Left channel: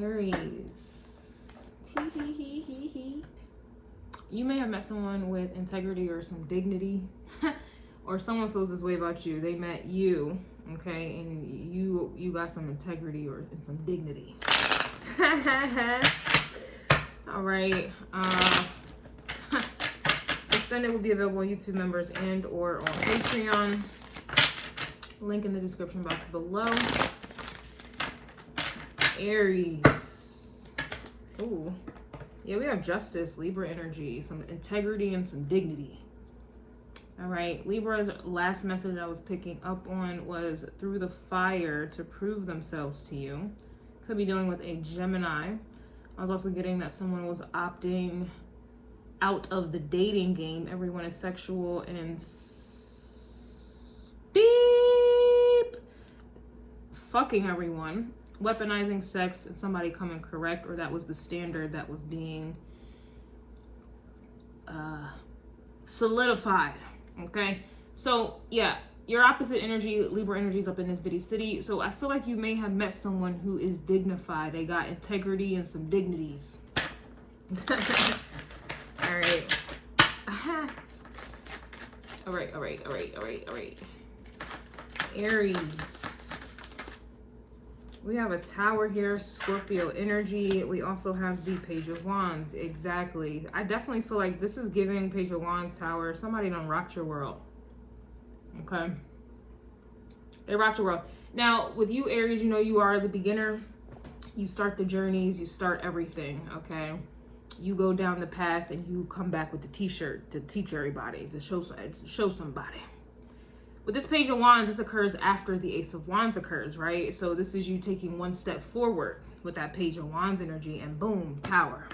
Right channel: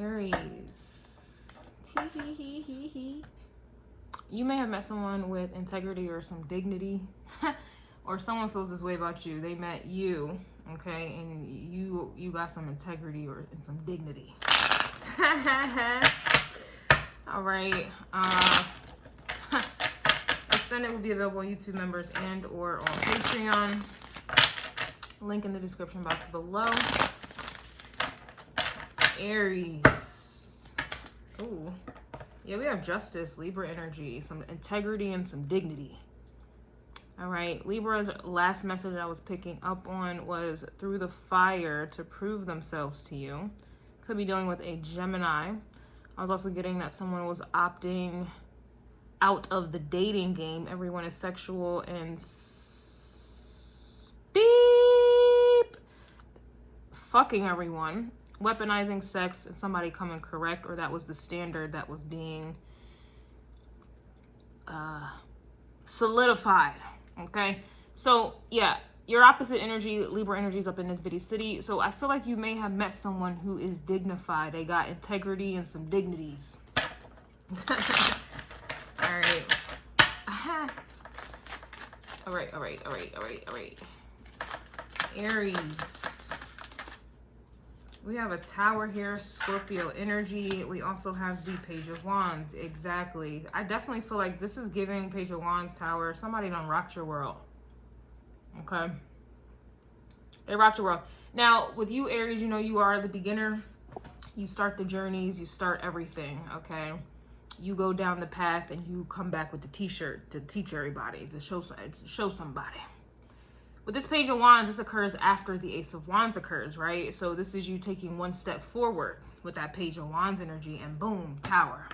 Aries. You may have met someone with integrity or some dignity, or someone feels this way about you. They met you, okay, and you got some integrity or and some dignity. All right. Extended will be available on YouTube members and or on Patreon. Link in the description box below. Aries. Ooh. Yeah, we have justice, Libra energy, some integrity, and some dignity. All right, Libra's last message I was picking up on was through the fire to prove themselves to you. Could be dealing with a Gemini. I was also getting that someone was opting out of the dating game. Everyone is sexual and beep. Fucking everyone. Weaponizing sex and somebody coming correct, or that was the standard that was being solidified. Okay, so yeah, your opposite energy, Libra energy, is up in this bitty city. So I feel like you may have met someone who is dignified. They got integrity and some dignities. All right. All right. Aries. We have a tower here, Scorpio energy. We also have the Page of Wands. Exactly. I definitely feel like this is giving Page of Wands tower. Somebody done rocked your world. Okay. They rocked your world. Now, with you, Aries, you know you are the beginner. You start the journeys. You start everything. Okay. You go down the path and you come back with the t-shirt to teach everybody, to show somebody. With this Page of Wands, this occurs after the Ace of Wands occurs, right? So this is you taking one step forward with that Page of Wands energy, and boom, tower.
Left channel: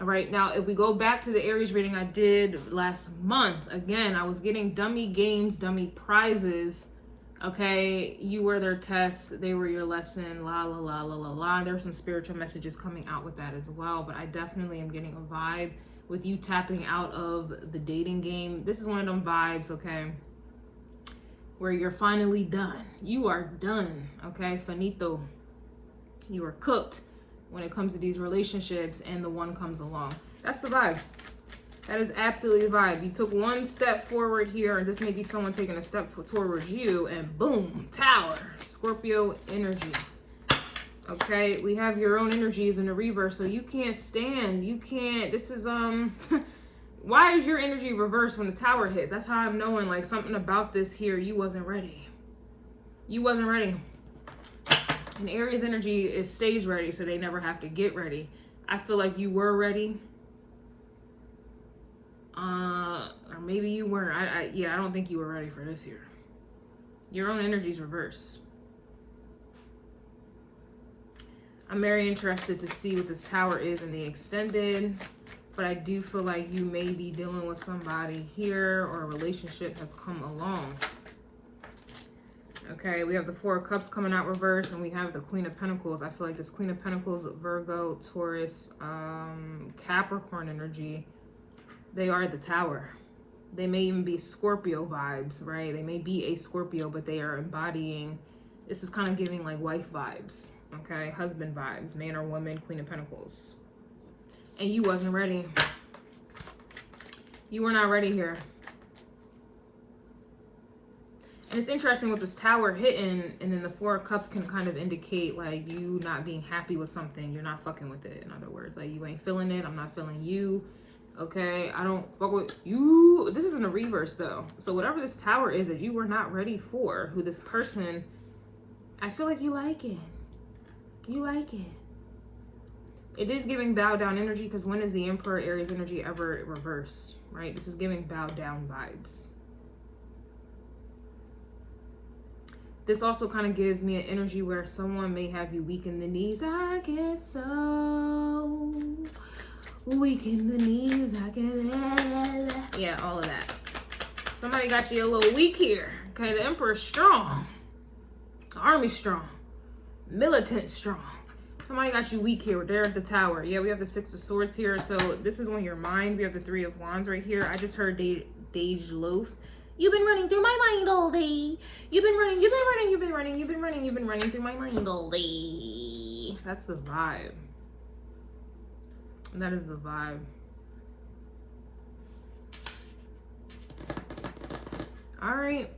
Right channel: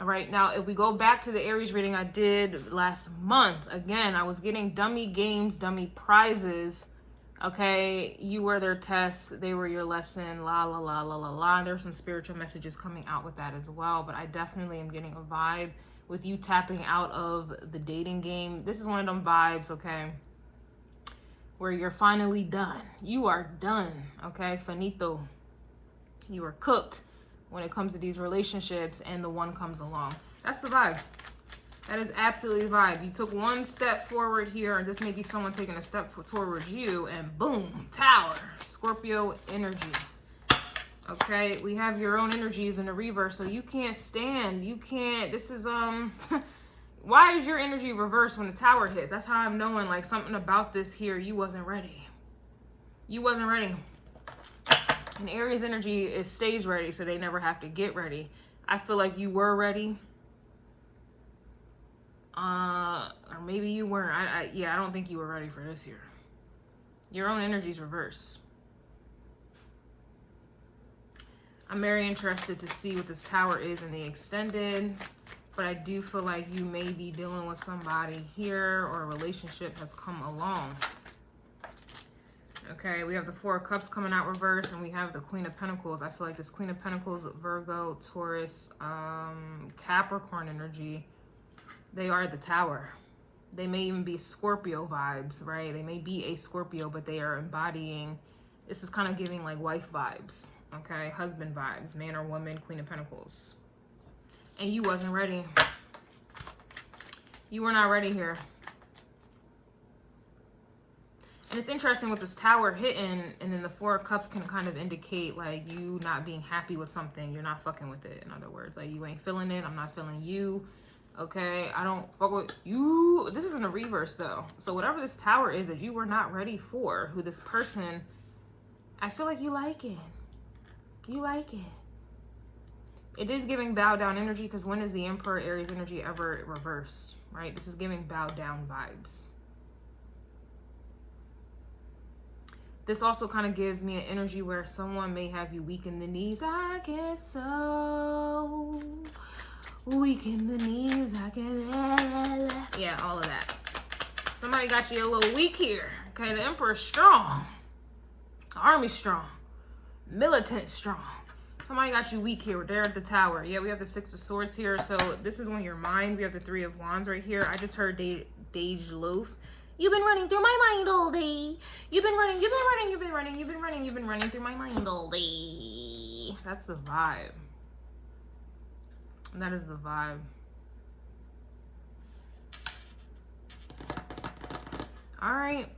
All right, now if we go back to the Aries reading I did last month, again, I was getting dummy games, dummy prizes. Okay, you were their test, they were your lesson, la, la, la, la, la, la. There were some spiritual messages coming out with that as well, but I definitely am getting a vibe with you tapping out of the dating game. This is one of them vibes, okay, where you're finally done. You are done, okay? Finito. You are cooked when it comes to these relationships, and the one comes along. That's the vibe. That is absolutely the vibe. You took one step forward here, and this may be someone taking a step towards you, and boom, tower. Scorpio energy. Okay, we have your own energies in the reverse, so you can't stand, you can't, this is, why is your energy reversed when the tower hits? That's how I'm knowing, like, something about this here, you wasn't ready. You wasn't ready. And Aries energy, it stays ready, so they never have to get ready. I feel like you were ready. Or maybe you weren't. Yeah, I don't think you were ready for this here. Your own energy's reversed. I'm very interested to see what this tower is in the extended, but I do feel like you may be dealing with somebody here, or a relationship has come along. Okay, we have the Four of Cups coming out reverse, and we have the Queen of Pentacles. I feel like this Queen of Pentacles, Virgo, Taurus, Capricorn energy, they are the tower. They may even be Scorpio vibes, right? They may be a Scorpio, but they are embodying, this is kind of giving like wife vibes. Okay, husband vibes, man or woman, Queen of Pentacles. And you wasn't ready. You were not ready here. And it's interesting with this tower hitting, and then the Four of Cups can kind of indicate like you not being happy with something. You're not fucking with it, in other words. Like, you ain't feeling it, I'm not feeling you. Okay, I don't fuck with you. This is in the reverse though. So whatever this tower is that you were not ready for, who this person, I feel like you like it. You like it. It is giving bow down energy, because when is the Emperor Aries energy ever reversed, right? This is giving bow down vibes. This also kind of gives me an energy where someone may have you weak in the knees. I get so weak in the knees. I can, yeah, all of that. Somebody got you a little weak here. Okay, the Emperor's strong. The army's strong. Militant strong. Somebody got you weak here. They're at the tower. Yeah, we have the Six of Swords here. So this is on your mind. We have the Three of Wands right here. I just heard Dej Loaf. You've been running through my mind all day. You've been running through my mind all day. That's the vibe. That is the vibe. All right.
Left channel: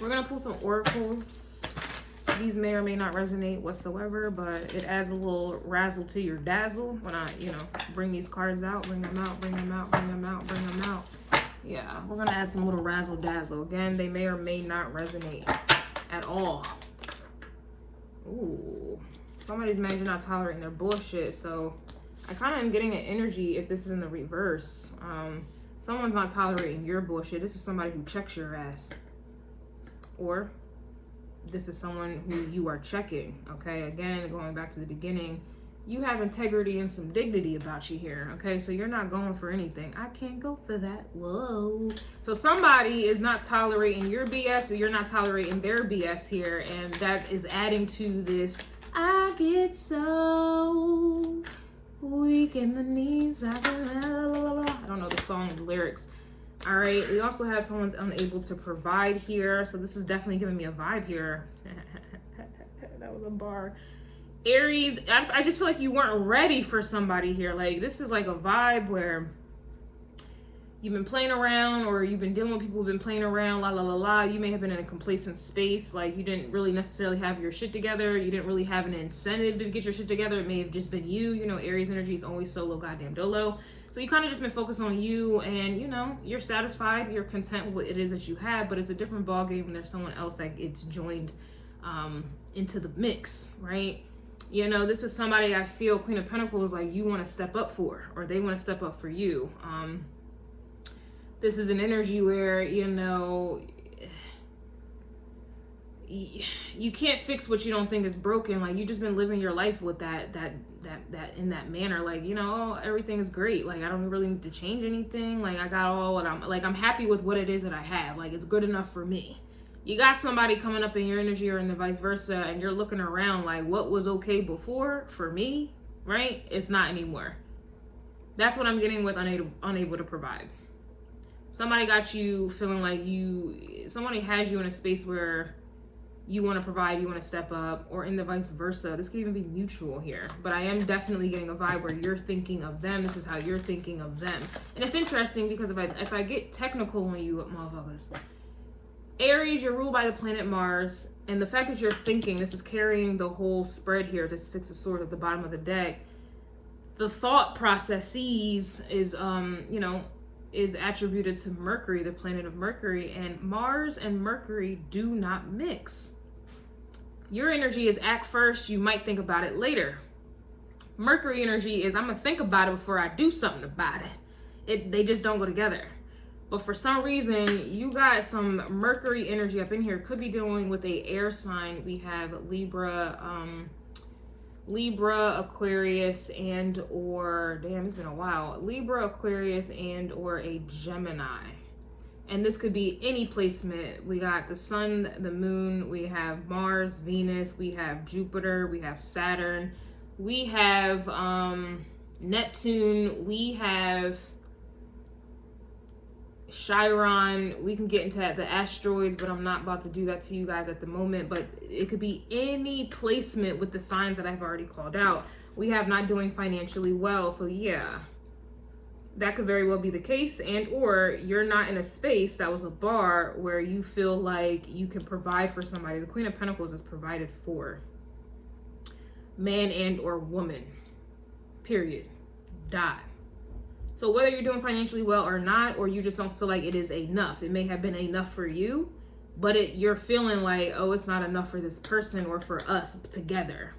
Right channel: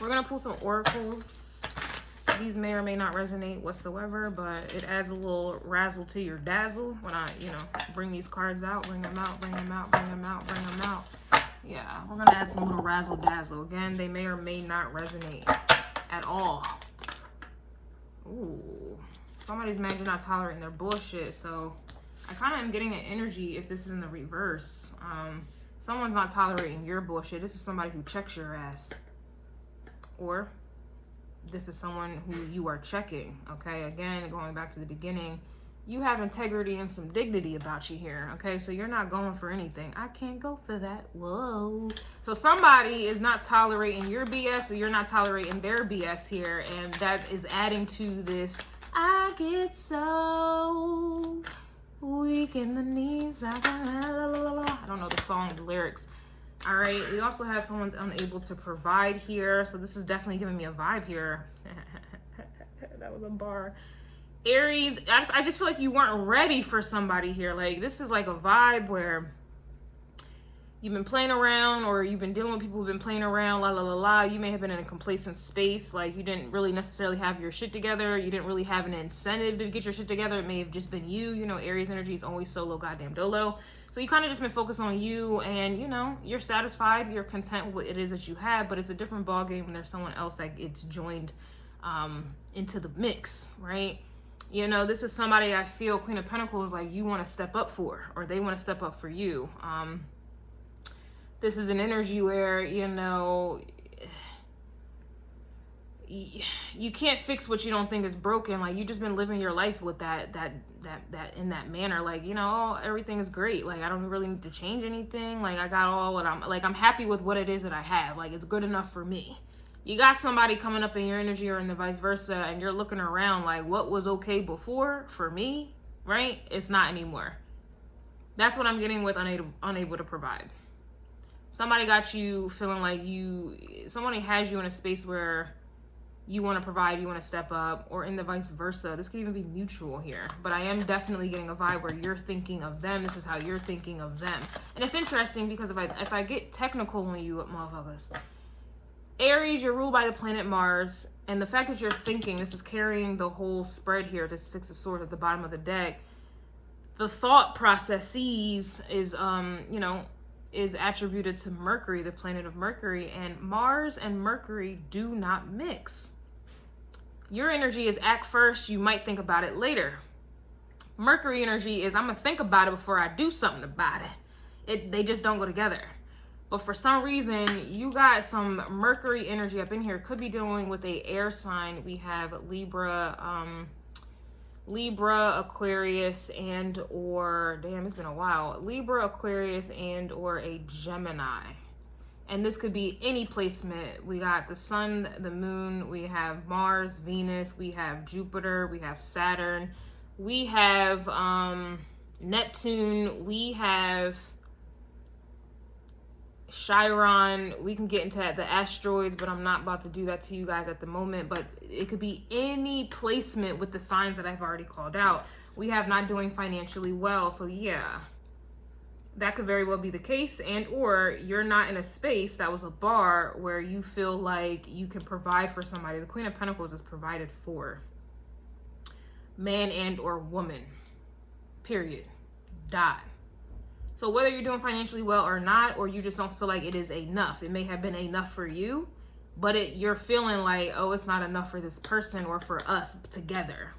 We're going to pull some oracles. These may or may not resonate whatsoever, but it adds a little razzle to your dazzle when I, you know, bring these cards out, bring them out, bring them out, bring them out, bring them out. Yeah, we're going to add some little razzle dazzle. Again, they may or may not resonate at all. Ooh, somebody's mad you're not tolerating their bullshit. So I kind of am getting an energy if this is in the reverse. Someone's not tolerating your bullshit. This is somebody who checks your ass. Or this is someone who you are checking, okay? Again, going back to the beginning, you have integrity and some dignity about you here, okay? So you're not going for anything. I can't go for that. Whoa. So somebody is not tolerating your BS, or you're not tolerating their BS here, and that is adding to this, I get so weak in the knees. I don't know the song, the lyrics. All right, we also have someone's unable to provide here. So this is definitely giving me a vibe here. That was a bar. Aries, I just feel like you weren't ready for somebody here. Like, this is like a vibe where you've been playing around, or you've been dealing with people who've been playing around, la la la la. You may have been in a complacent space. Like, you didn't really necessarily have your shit together. You didn't really have an incentive to get your shit together. It may have just been you. You know, Aries energy is always solo goddamn dolo. So you kind of just been focused on you, and, you know, you're satisfied, you're content with what it is that you have, but it's a different ballgame when there's someone else that gets joined into the mix, right? You know, this is somebody I feel Queen of Pentacles, like, you want to step up for, or they want to step up for you. This is an energy where, you know, you can't fix what you don't think is broken. Like, you just been living your life with that in that manner. Like, you know, everything is great. Like, I don't really need to change anything. Like, I got all what I'm happy with what it is that I have. Like, it's good enough for me. You got somebody coming up in your energy, or in the vice versa, and you're looking around like, what was okay before for me, right? It's not anymore. That's what I'm getting with unable to provide. Somebody got you feeling like somebody has you in a space where you want to provide, you want to step up, or in the vice versa. This could even be mutual here, but I am definitely getting a vibe where you're thinking of them. This is how you're thinking of them. And it's interesting because if I get technical on you motherfuckers, Aries, you're ruled by the planet Mars, and the fact that you're thinking, this is carrying the whole spread here, the Six of Swords at the bottom of the deck. The thought processes is, you know, is attributed to Mercury, the planet of Mercury, and Mars and Mercury do not mix. Your energy is act first, you might think about it later. Mercury energy is, I'm gonna think about it before I do something about it. They just don't go together. But for some reason, you got some Mercury energy up in here. Could be dealing with a air sign. We have Libra, Aquarius, and or, damn, it's been a while. Libra, Aquarius, and or a Gemini. And this could be any placement. We got the sun, the moon, we have Mars, Venus, we have Jupiter, we have Saturn, we have Neptune, we have Chiron. We can get into the asteroids, but I'm not about to do that to you guys at the moment. But it could be any placement with the signs that I've already called out. We have not doing financially well. So yeah, that could very well be the case. And or you're not in a space that was a bar where you feel like you can provide for somebody. The Queen of Pentacles is provided for. Man and or woman. Period. Die. So whether you're doing financially well or not, or you just don't feel like it is enough, it may have been enough for you, but you're feeling like, oh, it's not enough for this person or for us together.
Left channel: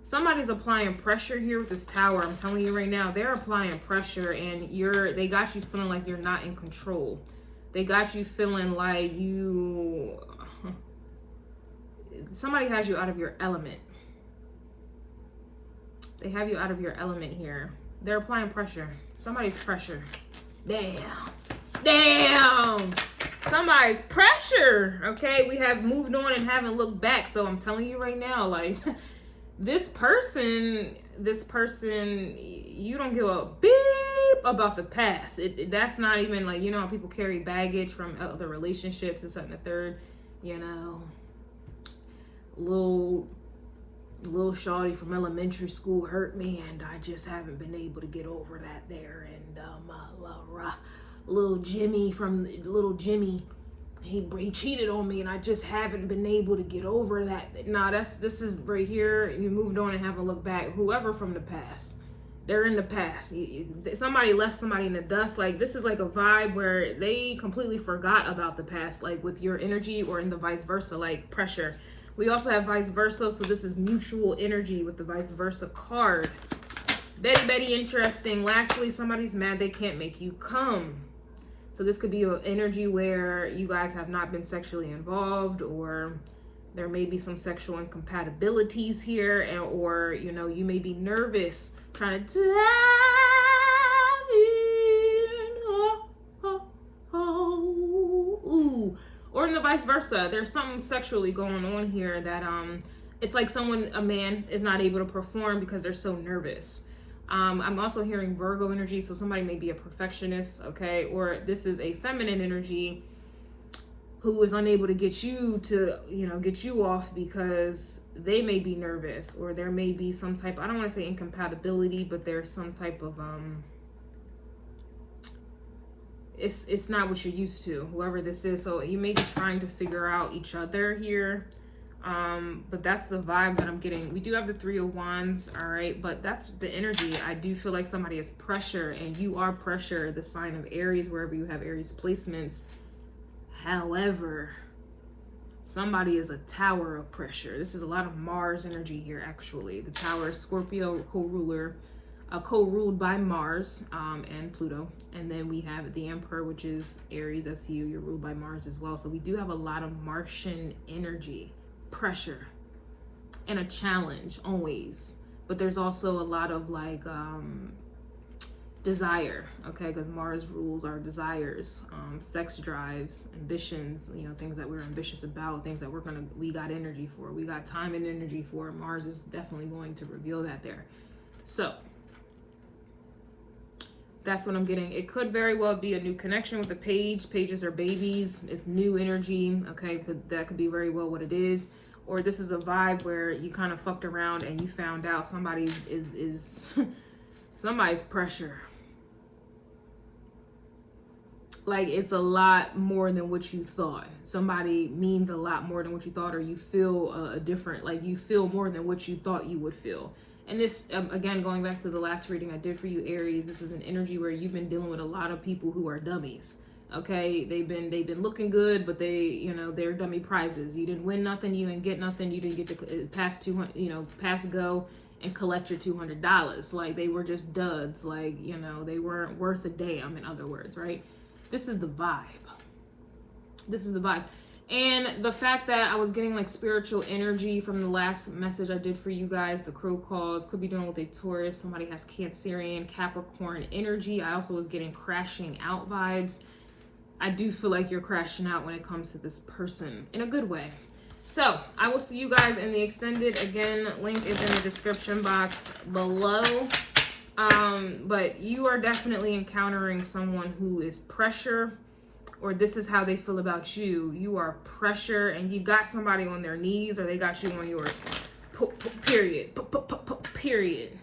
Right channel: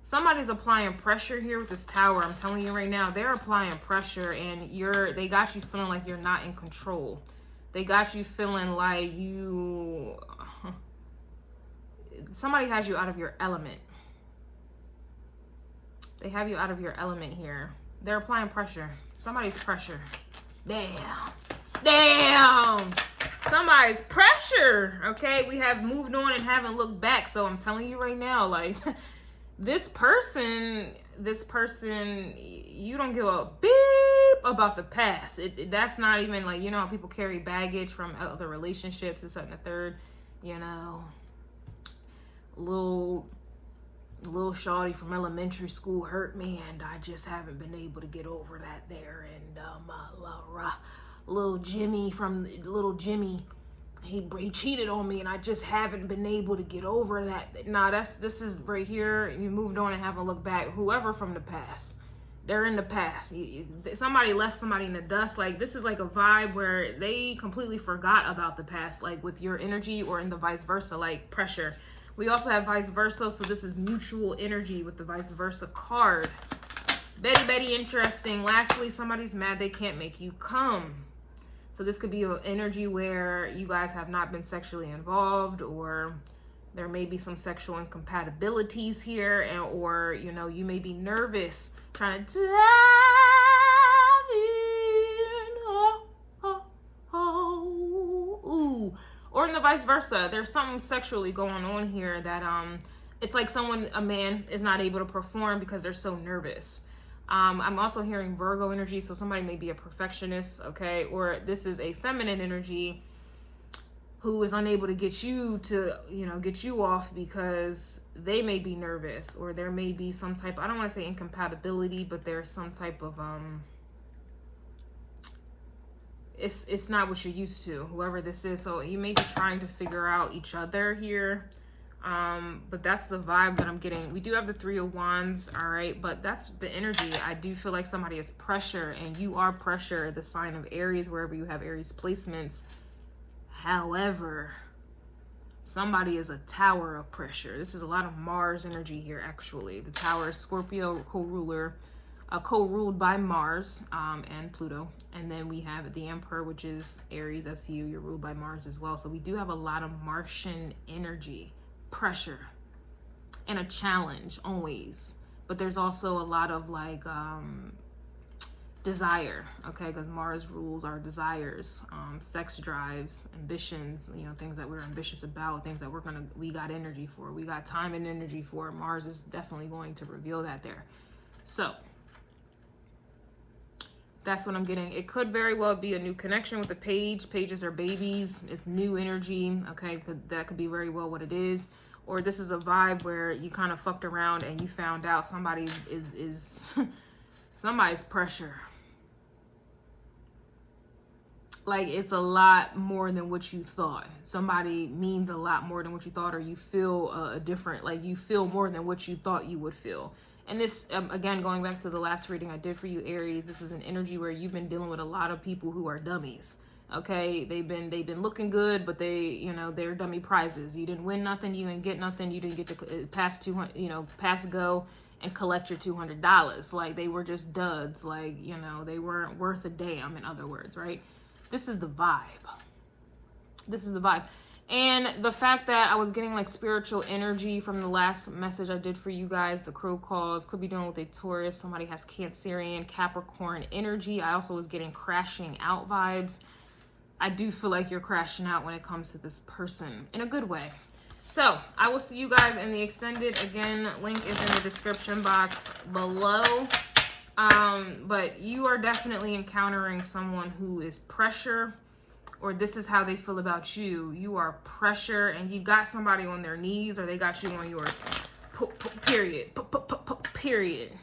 Somebody's applying pressure here with this Tower. I'm telling you right now, they're applying pressure, and they got you feeling like you're not in control. They got you feeling like somebody has you out of your element. They have you out of your element here. They're applying pressure. Somebody's pressure. Damn. Damn. Somebody's pressure. Okay, we have moved on and haven't looked back. So I'm telling you right now, like, this person, you don't give a beep about the past. That's not even like, you know how people carry baggage from other relationships, this, that, and the third. You know, little shawty from elementary school hurt me, and I just haven't been able to get over that there. And little Jimmy, he cheated on me, and I just haven't been able to get over that. Nah, this is right here. You moved on and haven't looked back. Whoever from the past, they're in the past. Somebody left somebody in the dust. Like, this is like a vibe where they completely forgot about the past, like with your energy, or in the vice versa, like pressure. We also have vice versa, so this is mutual energy with the vice versa card. Very interesting. Lastly, somebody's mad they can't make you come. So this could be an energy where you guys have not been sexually involved, or there may be some sexual incompatibilities here, or, you know, you may be nervous trying to dive in. Ooh. Or in the vice versa, there's something sexually going on here that it's like a man is not able to perform because they're so nervous. I'm also hearing Virgo energy, so somebody may be a perfectionist, okay? Or this is a feminine energy who is unable to get you to, you know, get you off because they may be nervous, or there may be some type, I don't want to say incompatibility, but there's some type of, it's not what you're used to, whoever this is. So you may be trying to figure out each other here. But that's the vibe that I'm getting. We do have the 3 of Wands, all right, but that's the energy. I do feel like somebody is pressure, and you are pressure, the sign of Aries, wherever you have Aries placements. However, somebody is a tower of pressure. This is a lot of Mars energy here, actually. The tower is Scorpio co-ruler, co-ruled by Mars and Pluto. And then we have the Emperor, which is Aries. That's you. You're ruled by Mars as well. So we do have a lot of Martian energy, pressure, and a challenge always. But there's also a lot of like desire, okay, because Mars rules our desires, sex drives, ambitions, you know, things that we're ambitious about, things that we got energy for, we got time and energy for. Mars is definitely going to reveal that there. So that's what I'm getting. It could very well be a new connection with the page. Pages are babies. It's new energy, okay? That could be very well what it is. Or this is a vibe where you kind of fucked around and you found out somebody is somebody's pressure. Like, it's a lot more than what you thought. Somebody means a lot more than what you thought, or you feel different, like you feel more than what you thought you would feel. And this, again, going back to the last reading I did for you, Aries, this is an energy where you've been dealing with a lot of people who are dummies. Okay, they've been looking good, but they, you know, they're dummy prizes. You didn't win nothing, you didn't get nothing, you didn't get to pass go and collect your $200. Like, they were just duds. Like, you know, they weren't worth a damn, in other words, right? This is the vibe. This is the vibe. And the fact that I was getting like spiritual energy from the last message I did for you guys, the crow calls, could be dealing with a Taurus. Somebody has Cancerian, Capricorn energy. I also was getting crashing out vibes. I do feel like you're crashing out when it comes to this person in a good way. So I will see you guys in the extended. Again, link is in the description box below. But you are definitely encountering someone who is pressure, or this is how they feel about you. You are pressure, and you got somebody on their knees, or they got you on yours. Period. Period.